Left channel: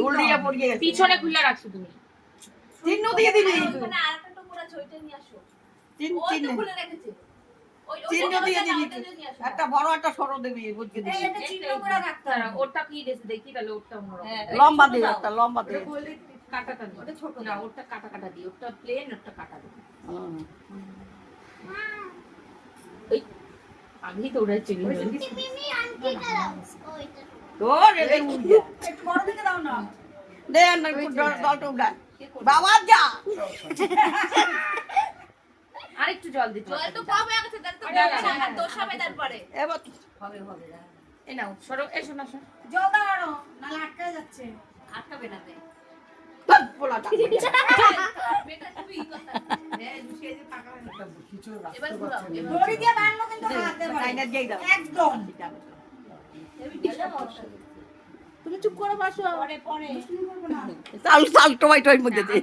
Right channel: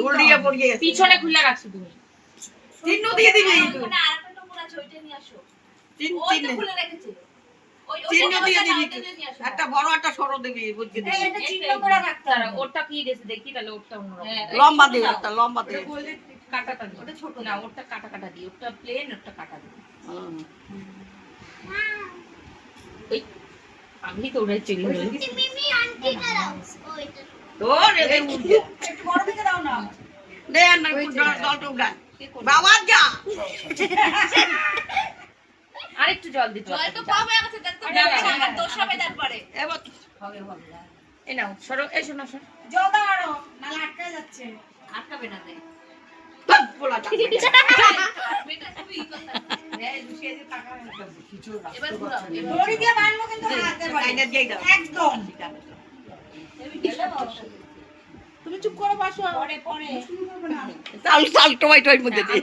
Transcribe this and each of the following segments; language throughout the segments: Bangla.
উল্টিয়ে পড়িয়ে গেছে। পিছনে খুলে রাখছো তুমি। দিয়ে দিবি। ওখানে আরেকটা টুকরা আছে, নিয়ে আসো। চিহ্ন ওই তো খুলে রেখেছে। ওই- ওই- চিহ্ন দিয়ে দিবি না, ওইটা নিয়ে আসো। একটা বড় একটা সরো দিবি। বুঝতে চিহ্ন করে রাখতে হবে। দাঁড়াও, কি দিয়েছে? দেখি তাহলে ওরটা লম্বা ছোট একটা লম্বা দিয়ে। কাটাটা দিই। ওটা ছোট না দাও। কাটা কাটা দিই ওরটা প্লেন ওরটা কাটা দিই আমি তো ওটাই চিনি তোর এদের উঠা বাবা যা আরেকটু জল দিতে জল তো কম হয়ে গেছে, তো দোষ হবে তারপরে। এবার এই নাও সরো এসো না সরো জল দাও আরও নাহলে আটকায় যাচ্ছে আটকাবে না দাও। একদম চুপ করে বসো। পরে পরে। চাল চাল টমাই টমাই মধ্যে দে।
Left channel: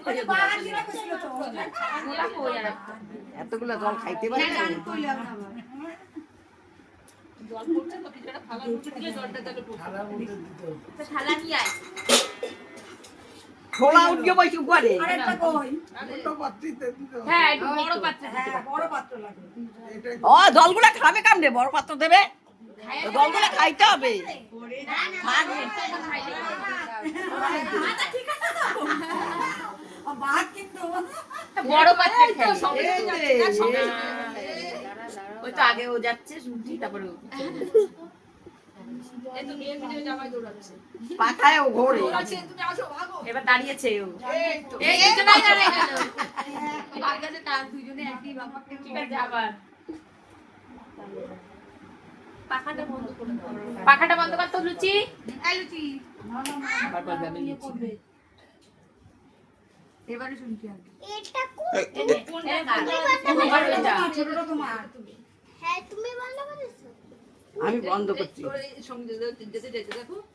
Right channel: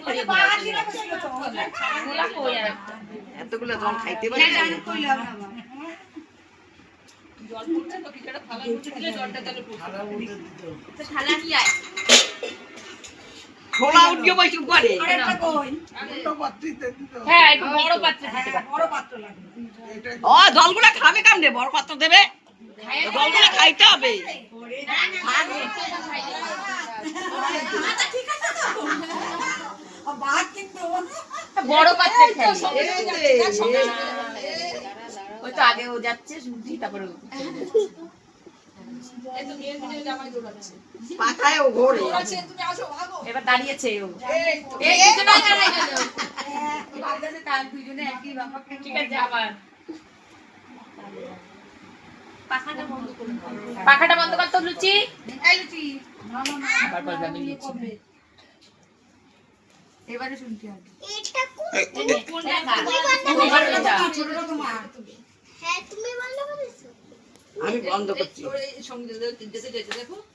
এতগুলো জল খাইতে পারি থালা আয়। খোলা উঠে বসে করে হ্যাঁ একটু বড় পাত্র দিতে হ্যাঁ ও জলগুলো খাবে কামড়ে বড় পাত্র দেবে? জলগুলো খাইতে হবে। আচ্ছা, ঠিক আছে তো। ও ভাত কিন্তু বড় পাত্রে এই এই। ওই তো আগে ও যাচ্ছে শুনছি তারপরে পাখায় ও ঘোরে এবার দাঁড়িয়েছে ও ঠিক আছে আবার পাখাটা বন্ধ করে। পাখাটা বন্ধ করতো লুচি। কোনটা কার? ছোটটা তোমার। আমি বন্ধ করছি।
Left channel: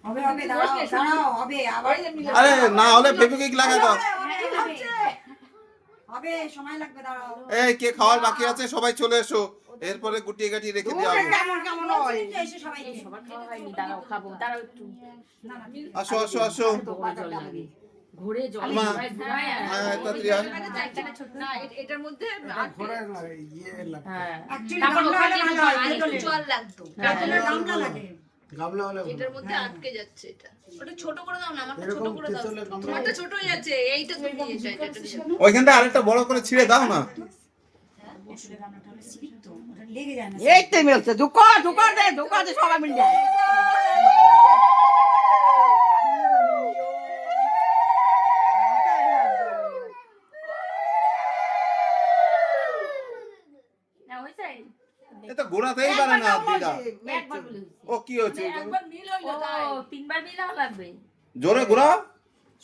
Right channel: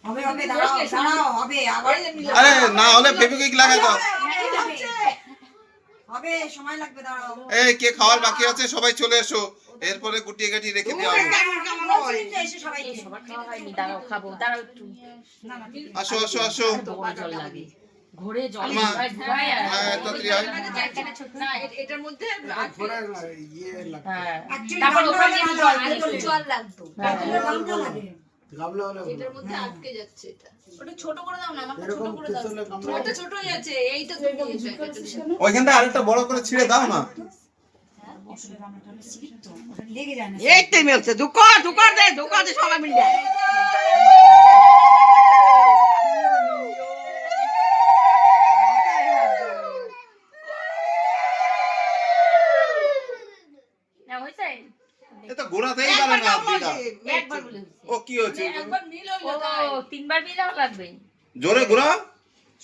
হবে হবে দাঁড়াও দাঁড়াও হবে আবার আরে না হলে ফেবিকুইক লাগাই দাও হবে সময় লাগবে দাঁড়াও। এই কে খাওয়ার বাকি আছে? সবাই চলে এসো। এরপরে গুটিয়ে গাটিয়ে রেখে দেওয়া হবে আসো আসো আসো। ঘোরে জল। হ্যাঁ এটার মধ্যে হ্যাঁ। তারপর ওখানে হয় লাগতো। গামলা হলে এটার মধ্যে আটকে যাচ্ছে এটা। ওটা ছোট করে দাও না, আমারটা ছোট করে দাও। আমারটা ছোট হয়ে যাচ্ছে, এইটা তুমি এটা ওইখানটা আরেকটা বড় করে ছিঁড়ে দাও না। এইটাই যায় না। এই তো মেলছে ঢুকা ঢুকা দে ঢুকা দে সবাই মিলে না হয়েছে পারে না দিদা ও কি হচ্ছে ও তিনবার মিলাও লাগবে জোরে ঘোরা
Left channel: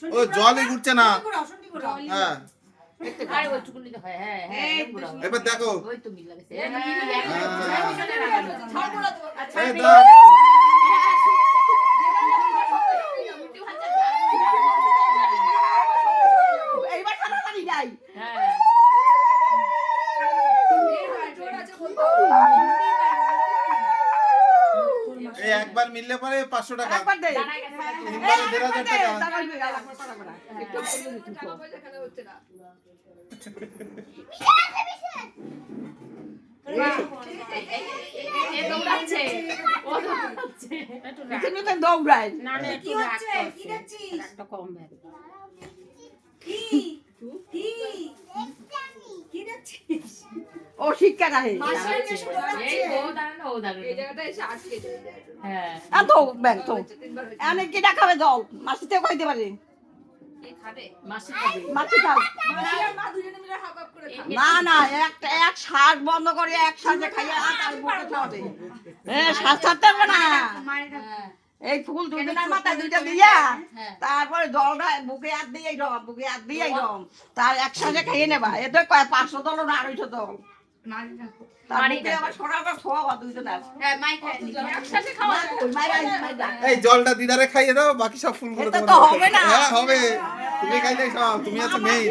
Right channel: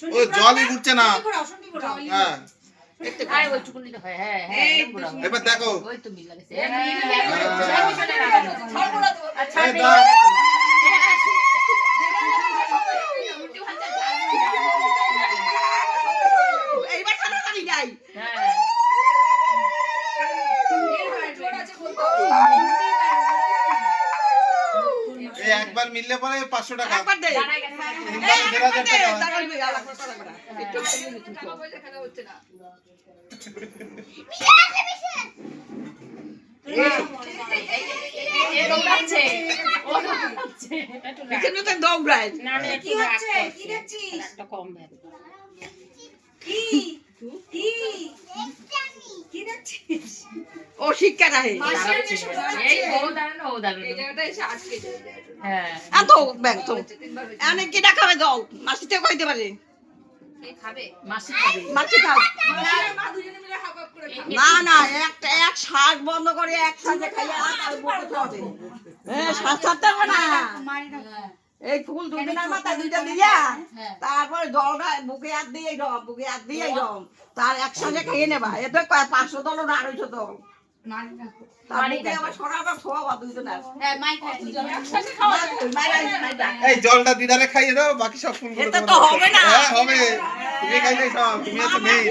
ও জলই ঘুরছে না হ্যাঁ হয় হ্যাঁ হ্যাঁ এবার দেখো ওই তো মিলা গেছে হ্যাঁ। আচ্ছা এই বেশ। দাও। এইবার তাড়াতাড়ি যাই হ্যাঁ এই একবার মিললে পরে পাঁচশো টাকা। একবার দে। দে। একটু একটু রাখ। পিছনে তো দৌড়ায়। না না কি হচ্ছে? কি দেখছিস? একটা কম কি কি কি দেখছিস ও শিক্ষা হ্যাঁ। এত ব্যাংক তো এনে কি জল মাসিতে কইতে পারে। খাবে? খাবে। না না একটা এক বন্ধ করে একসাথে হ্যাঁ না। এই ফুল দুদিনের মাথায় দুইটা দিয়া? তারপরে জলটা বুকে হাত দিয়ে রম বুকে হাত দিয়ে রম তার একসাথে খেয়ে নেবা। এতে পাঁচশো দল না আড়াইশো দল হ্যাঁ। এই জলটা দিদারে খাইয়ে দাও বাকি সব ফুল এতে হবে না। হ্যাঁ হবে। তুমি খাইলে সব তুমি মেইন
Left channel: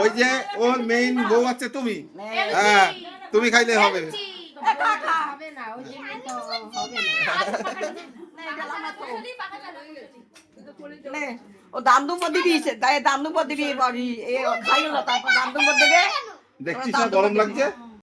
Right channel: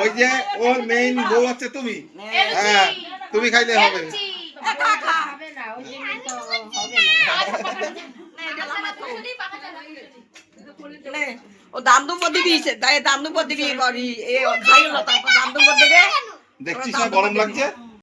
ওই যে ওর মেইন বউ হচ্ছে তুমি। হ্যাঁ তুমি খাইলে হবে। ও ও দাম দুপর দিবি তাই দাম দুপর দিবি বাড়ি এ খাইও না তারপর দাম দুপর দেবে দেখছিস না গরম লাগছে?